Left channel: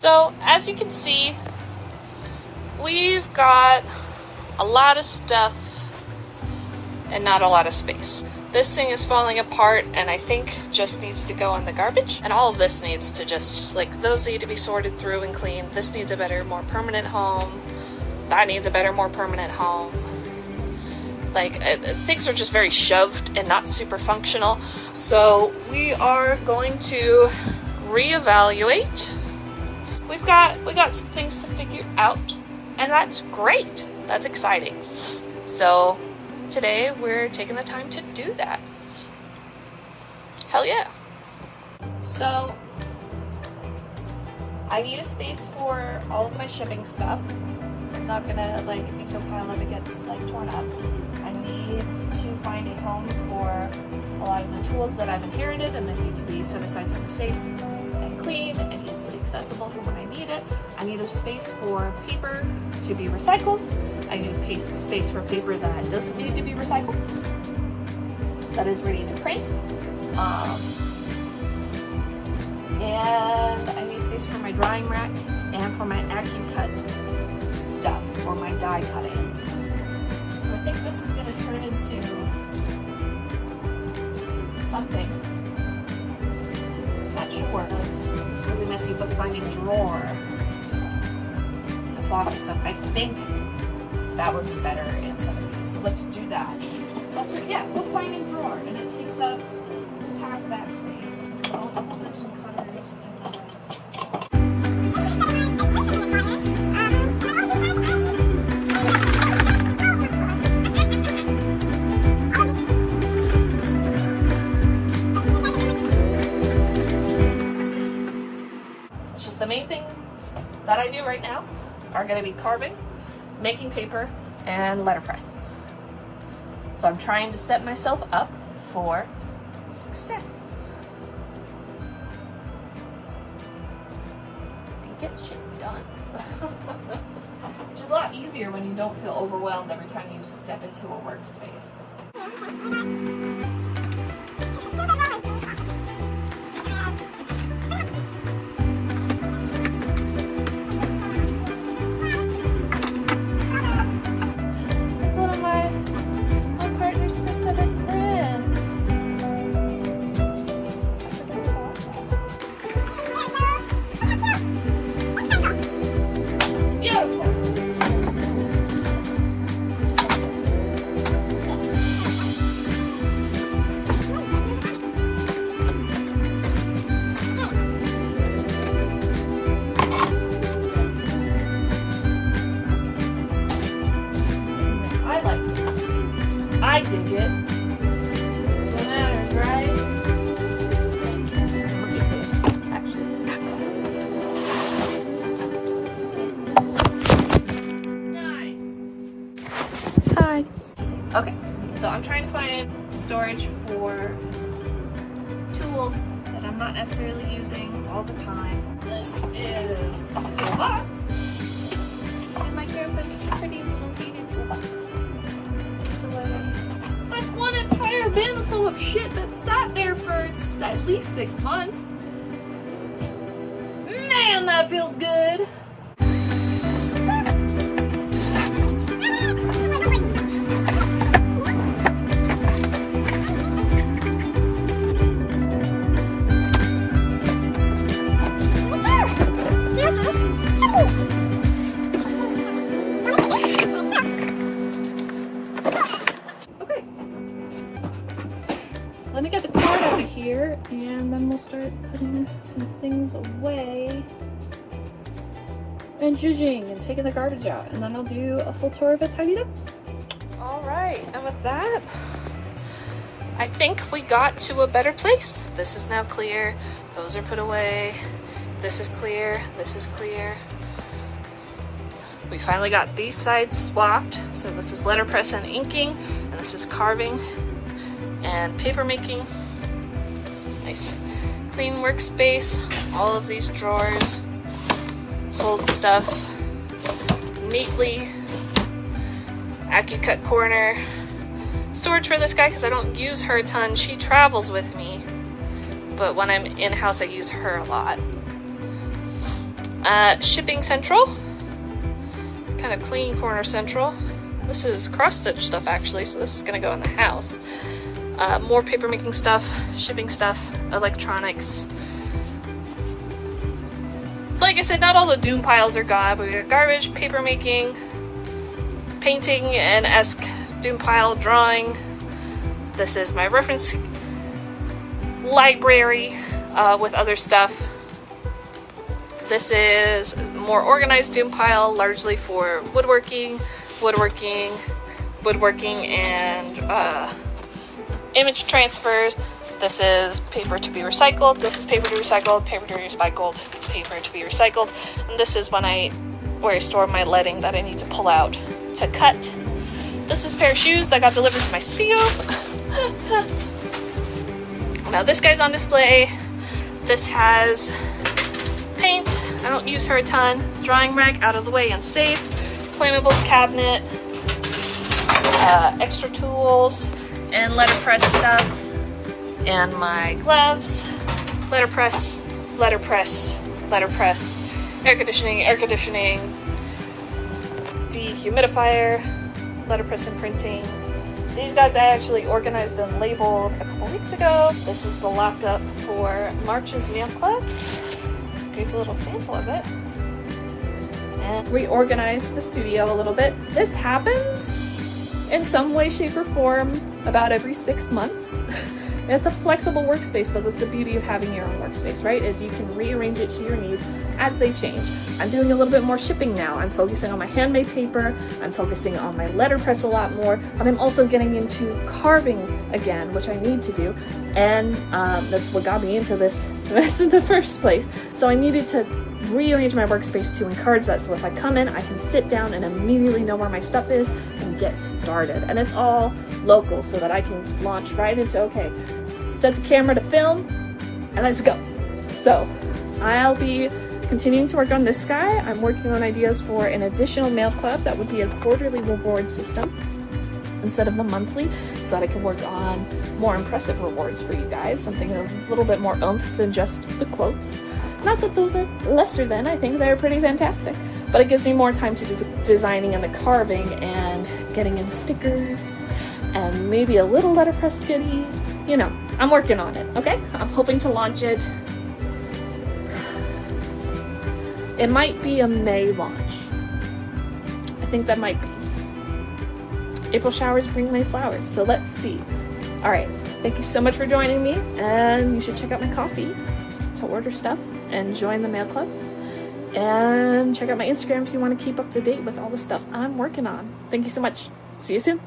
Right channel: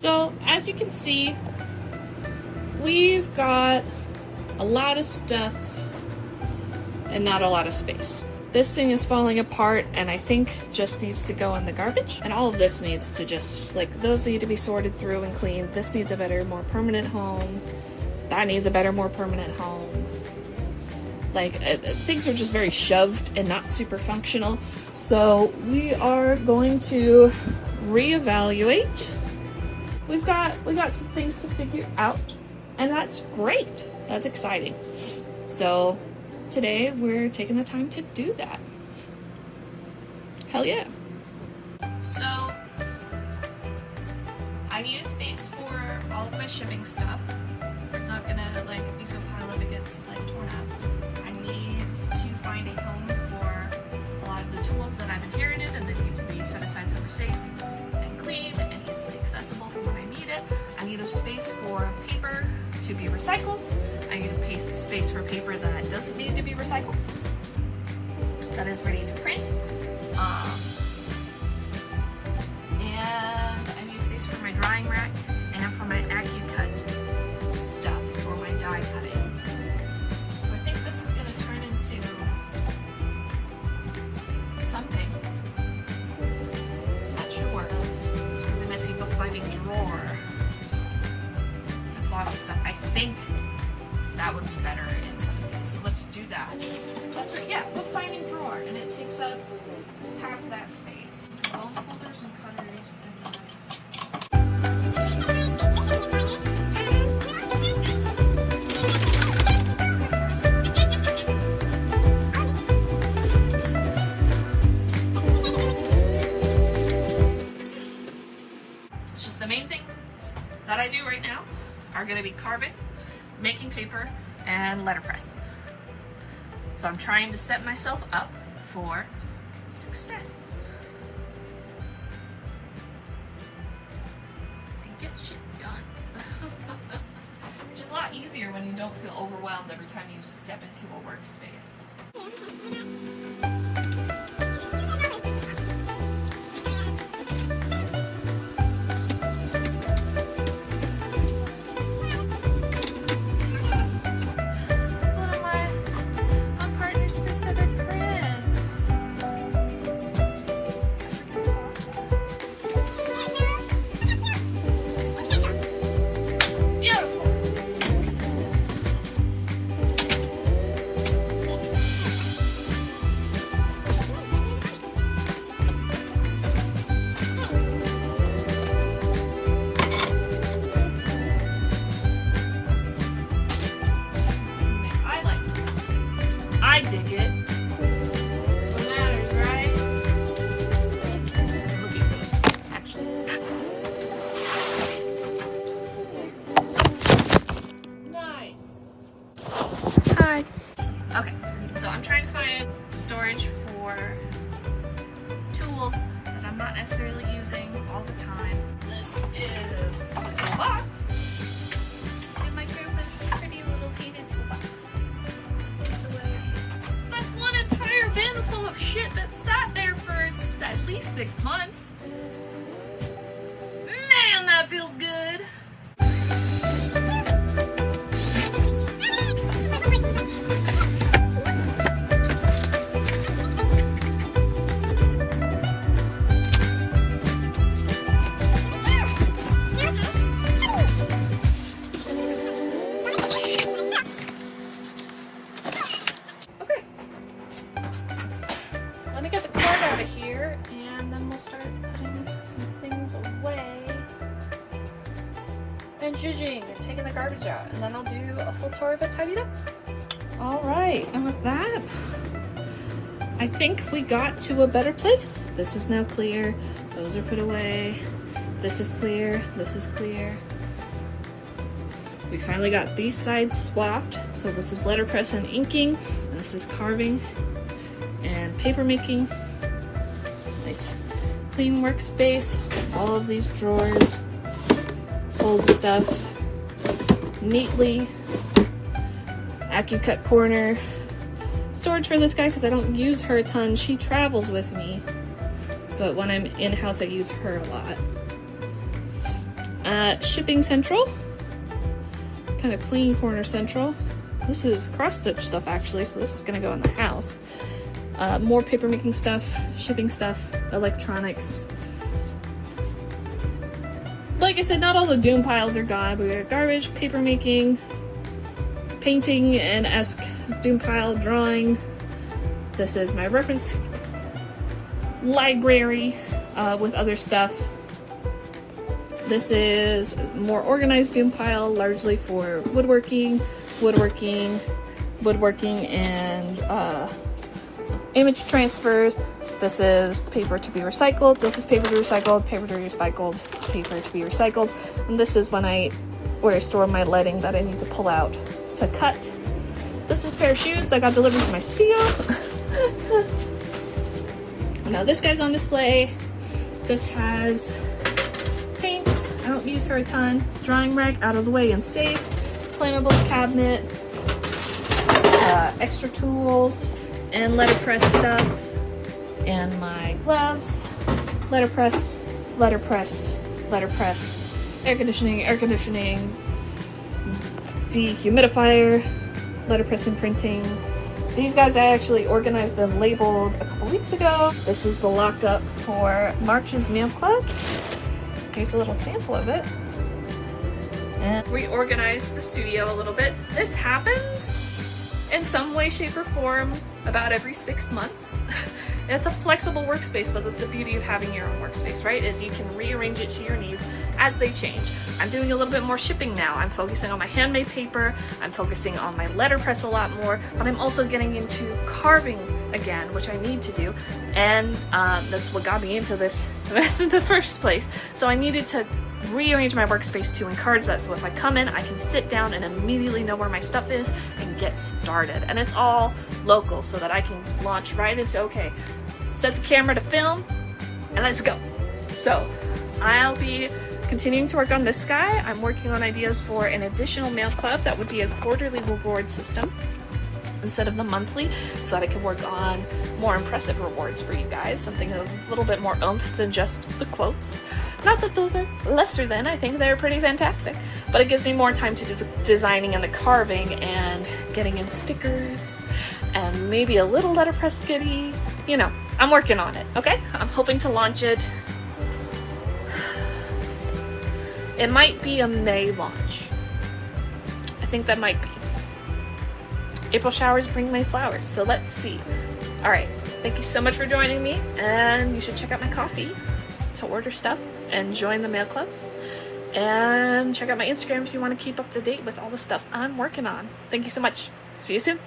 So as you can see, we've got a lot of stuff and not a lot of space. This thing is falling apart and I think just needs to go in the garbage. And all of this needs to just, like, those need to be sorted through and cleaned. This needs a better, more permanent home. That needs a better, more permanent home. Like, things are just very shoved and not super functional. So we are going to reevaluate. We got some things to figure out, and that's great. That's exciting. So today we're taking the time to do that. Hell yeah. So I need a space for all of my shipping stuff. It's not gonna be so piled up it gets torn up. I need to find a home for a lot of the tools that I've inherited and that need to be set aside somewhere safe and clean and easily accessible for when I need it. I need a space for paper to be recycled. I need a space for paper that doesn't need to be recycled, that is ready to print. And I need space for my drying rack and for my AccuCut stuff for my die cutting. So I think this is going to turn into something. Not sure. It's a really messy bookbinding drawer. And flossy stuff. I think that would be better in some of these. So let's do that. Yeah, bookbinding drawer, and it takes up half that space. I'll put some cutters and knives. It's just the main things that I do right now are going to be carving, making paper, and letterpress. So I'm trying to set myself up for success and get shit done. Which is a lot easier when you don't feel overwhelmed every time you step into a workspace. I dig it. What matters, right? Look at this, actually. Nice. Hi. Okay, so I'm trying to find storage for tools that I'm not necessarily using all the time. This is the toolbox. And my grandpa's pretty little painted toolbox. Bin full of shit that sat there for at least 6 months. Man, that feels good. Let me get the card out of here, and then we'll start putting some things away and zhuzhing and taking the garbage out, and then I'll do a full tour of it tidied up. All right, and with that, I think we got to a better place. This is now clear. Those are put away. This is clear. This is clear. We finally got these sides swapped. So this is letterpress and inking, and this is carving and paper making. Nice clean workspace. All of these drawers hold stuff neatly. AccuCut corner. Storage for this guy because I don't use her a ton. She travels with me, but when I'm in-house I use her a lot. Shipping Central, kind of clean corner central. This is cross-stitch stuff actually, so this is gonna go in the house. More paper making stuff, shipping stuff, electronics. Like I said, not all the doom piles are gone, but we got garbage, paper making, painting and esque doom pile drawing. This is my reference library with other stuff. This is more organized doom pile, largely for woodworking, and image transfers. This is paper to be recycled. This is paper to recycle, paper to be recycled, paper to be recycled. And this is where I store my lighting that I need to pull out to cut. This is a pair of shoes that got delivered to my studio. Now this guy's on display. This has paint. I don't use her a ton. Drawing rack, out of the way and safe. Flammables cabinet. Extra tools and letterpress stuff. And my gloves. Letterpress. Air conditioning. Dehumidifier. Letterpress and printing. These guys I actually organized and labeled a couple weeks ago. This is the locked up for March's Mail Club. Here's a little sample of it. And reorganize the studio a little bit. This happens in some way, shape, or form about every 6 months. It's a flexible workspace, but that's the beauty of having your own workspace, right? Is you can rearrange it to your needs as they change. I'm doing a little bit more shipping now. I'm focusing on my handmade paper. I'm focusing on my letterpress a lot more, but I'm also getting into carving again, which I need to do. And that's what got me into this in the first place. So I needed to rearrange my workspace to encourage that. So if I come in, I can sit down and immediately know where my stuff is and get started. And it's all local so that I can launch right into, okay, set the camera to film and let's go. So I'll be continuing to work on this guy. I'm working on ideas for an additional mail club that would be a quarterly reward system instead of the monthly, so that I can work on more impressive rewards for you guys, something a little bit more oomph than just the quotes. Not that those are lesser than, I think they're pretty fantastic, but it gives me more time to do the designing and the carving and getting in stickers and maybe a little letterpress goodie. You know, I'm working on it, okay? I'm hoping to launch it. It might be a May launch. I think that might be. April showers bring May flowers, so let's see. All right, thank you so much for joining me, and you should check out my coffee to order stuff and join the mail clubs. And check out my Instagram if you want to keep up to date with all the stuff I'm working on. Thank you so much. See you soon.